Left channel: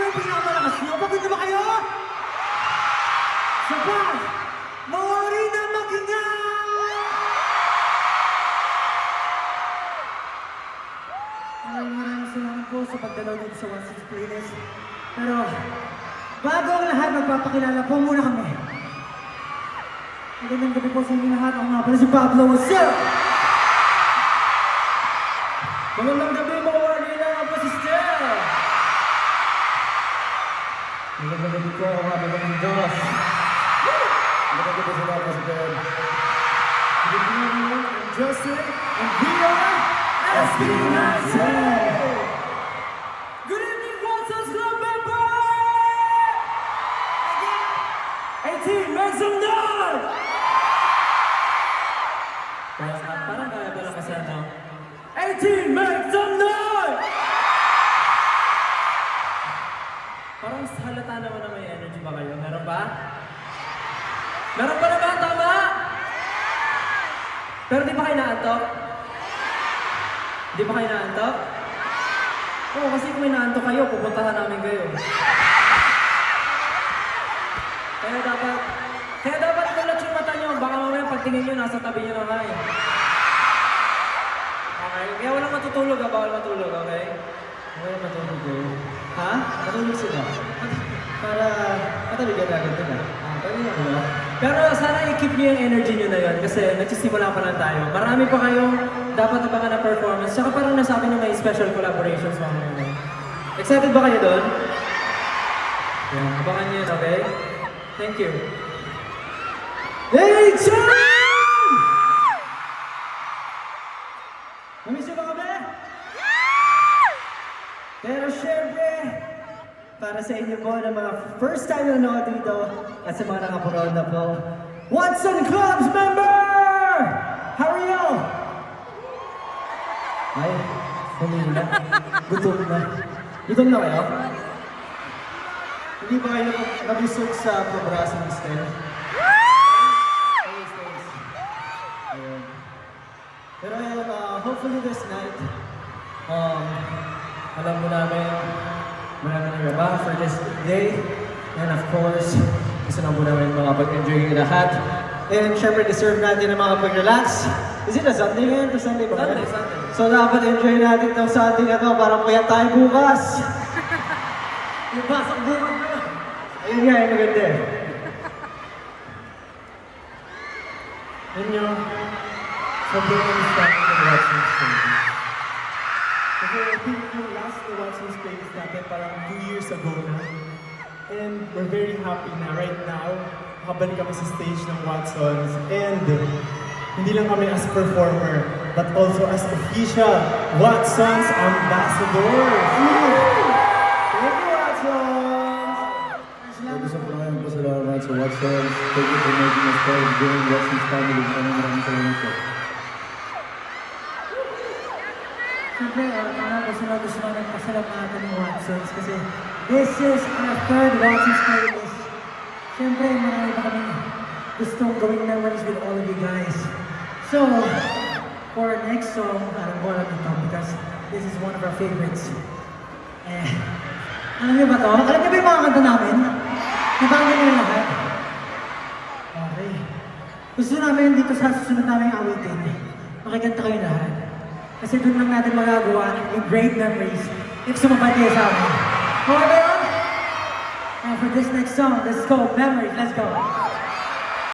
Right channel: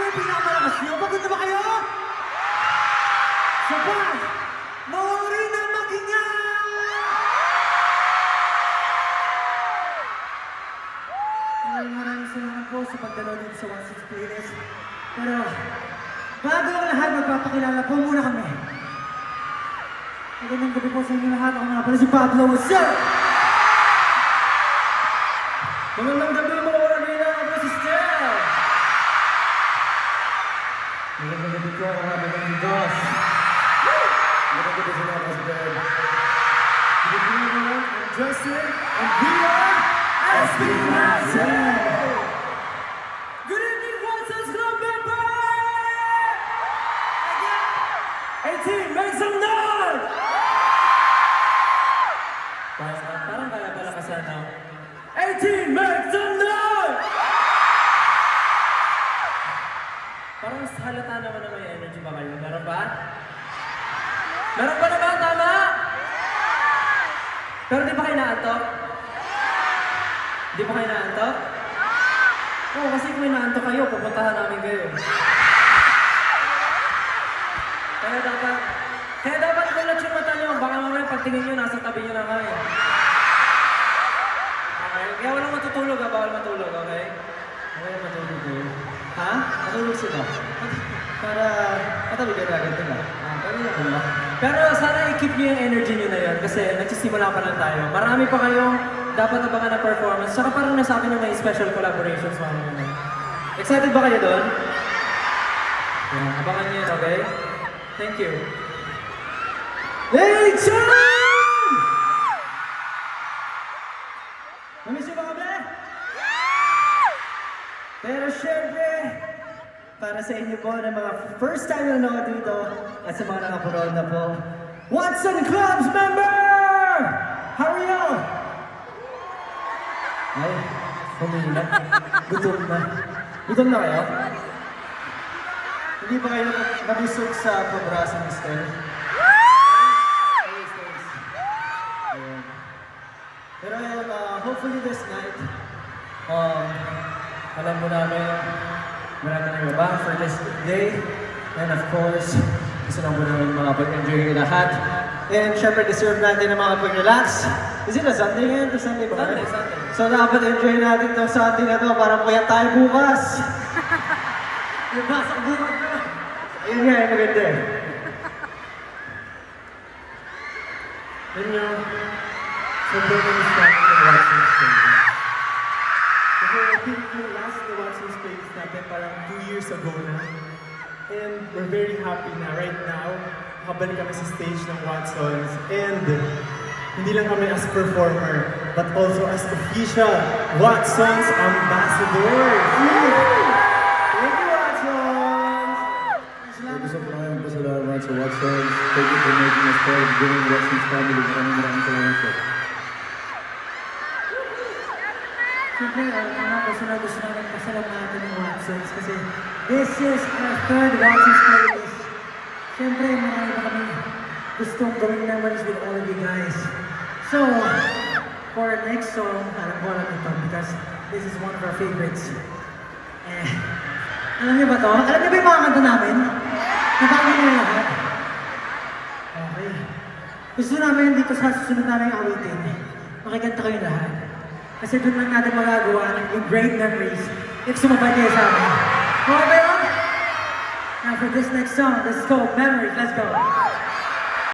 ba yung pinakamalakas nyo? Pagod na ba kayo? Sabay! Mawari na makinga! Maraming salamat po sa pagdalaw dito sa 16 Playlist. Pero, bago ang lahat, magpapakilala po muna kami. Magandang gabi po sa inyo lahat. Ako nga pala si Pablo. What's up? Magandang gabi mga Wargila, ako po si Stel. Magandang gabi po, ako nga pala si Josh. Magandang gabi sa lahat si Ben. Good evening everyone, I'm Justin, and we are SB Nazi! Good evening, Watson's Club member! Again! 18, make some noise! Parang kaya pala kasana. 18, make some noise! Parang halata naman na may energy ba kayo? Meron ba? Meron ba naman? Tama? Pero di ba kayo naantok? Di ba kayo naantok? Oo, kasi kung may naantok kayo, pupuntahan namin kayo. Kaya dapat kulat yung mata nyo. Baka mamaya pagtingin nyo, nasa tabi nyo na kayo. Okay? Kaya walang matutulog ha, bawal matulog, okay? Okay, matulog kayo. Ha? Matulog sila. Para matabi ka agad nila. Pero sana i-keep nyo yung energy nyo na yun kasi nagsisimula pa lang tayo. Marami pa kayong dapat abangan na performance. Tsaka parang nasabi na may special collaborations mga ngayon. Excited ba kayo doon? Yeah, abangan nyo yun, okay? Thank you. Hey, John! Namiss nyo ba kami? Pero syempre, para sa inyo po na mga first time na nanood dito at sa mga nakapanood na po, Watson Clubs member! How are you? Ay, humina. Gutom na. Gutom na kayo? Hindi ba kayo nabusog sa pabrasa ni Stel? Ayun. Pero hopefully this night, alam mo namin, marami na iba for this day. And of course, gusto lang po namin makapag-enjoy yung lahat. And syempre, deserve natin na makapag-relax. Is it a Sunday ngayon? Sunday ba? Sunday. So dapat enjoy natin itong Sunday na to para puyat tayo bukas. Ibasok bukas na. Ayun nga, yung maganda eh. Yun yung sobrang na-start ng Watson Stage. Kasi I think yung last na Watson Stage natin parang 2 years ago na. And we're very happy na right now, makabalik kami sa stage ng Watsons. And hindi lang kami as performer, but also as official Watsons ambassadors. Thank you, Watsons! Gusto ko lang pasalamat sa Watsons. Thank you for making us part of doing Watsons family. Maraming salamat po. Siyempre, gusto namin pasalamatan ng Watsons kasi this is our third Watsons playlist. Siyempre, marami pa kami gustong gawing memories with all of you guys. So, for our next song, alam ko alam ito because this is one of our favorites. Alam niyo ba ito? Alam niyo ba yung mga kanta namin? Napakinggan niyo na lahat? Okay. Gusto namin dito sa susunod namin awitin, makikanta kayo lahat. Kasi doon lang natin magagawa yung great memories if sumabay kayo sa amin. Okay ba yun? Now for this next song, let's go. Memories, let's go.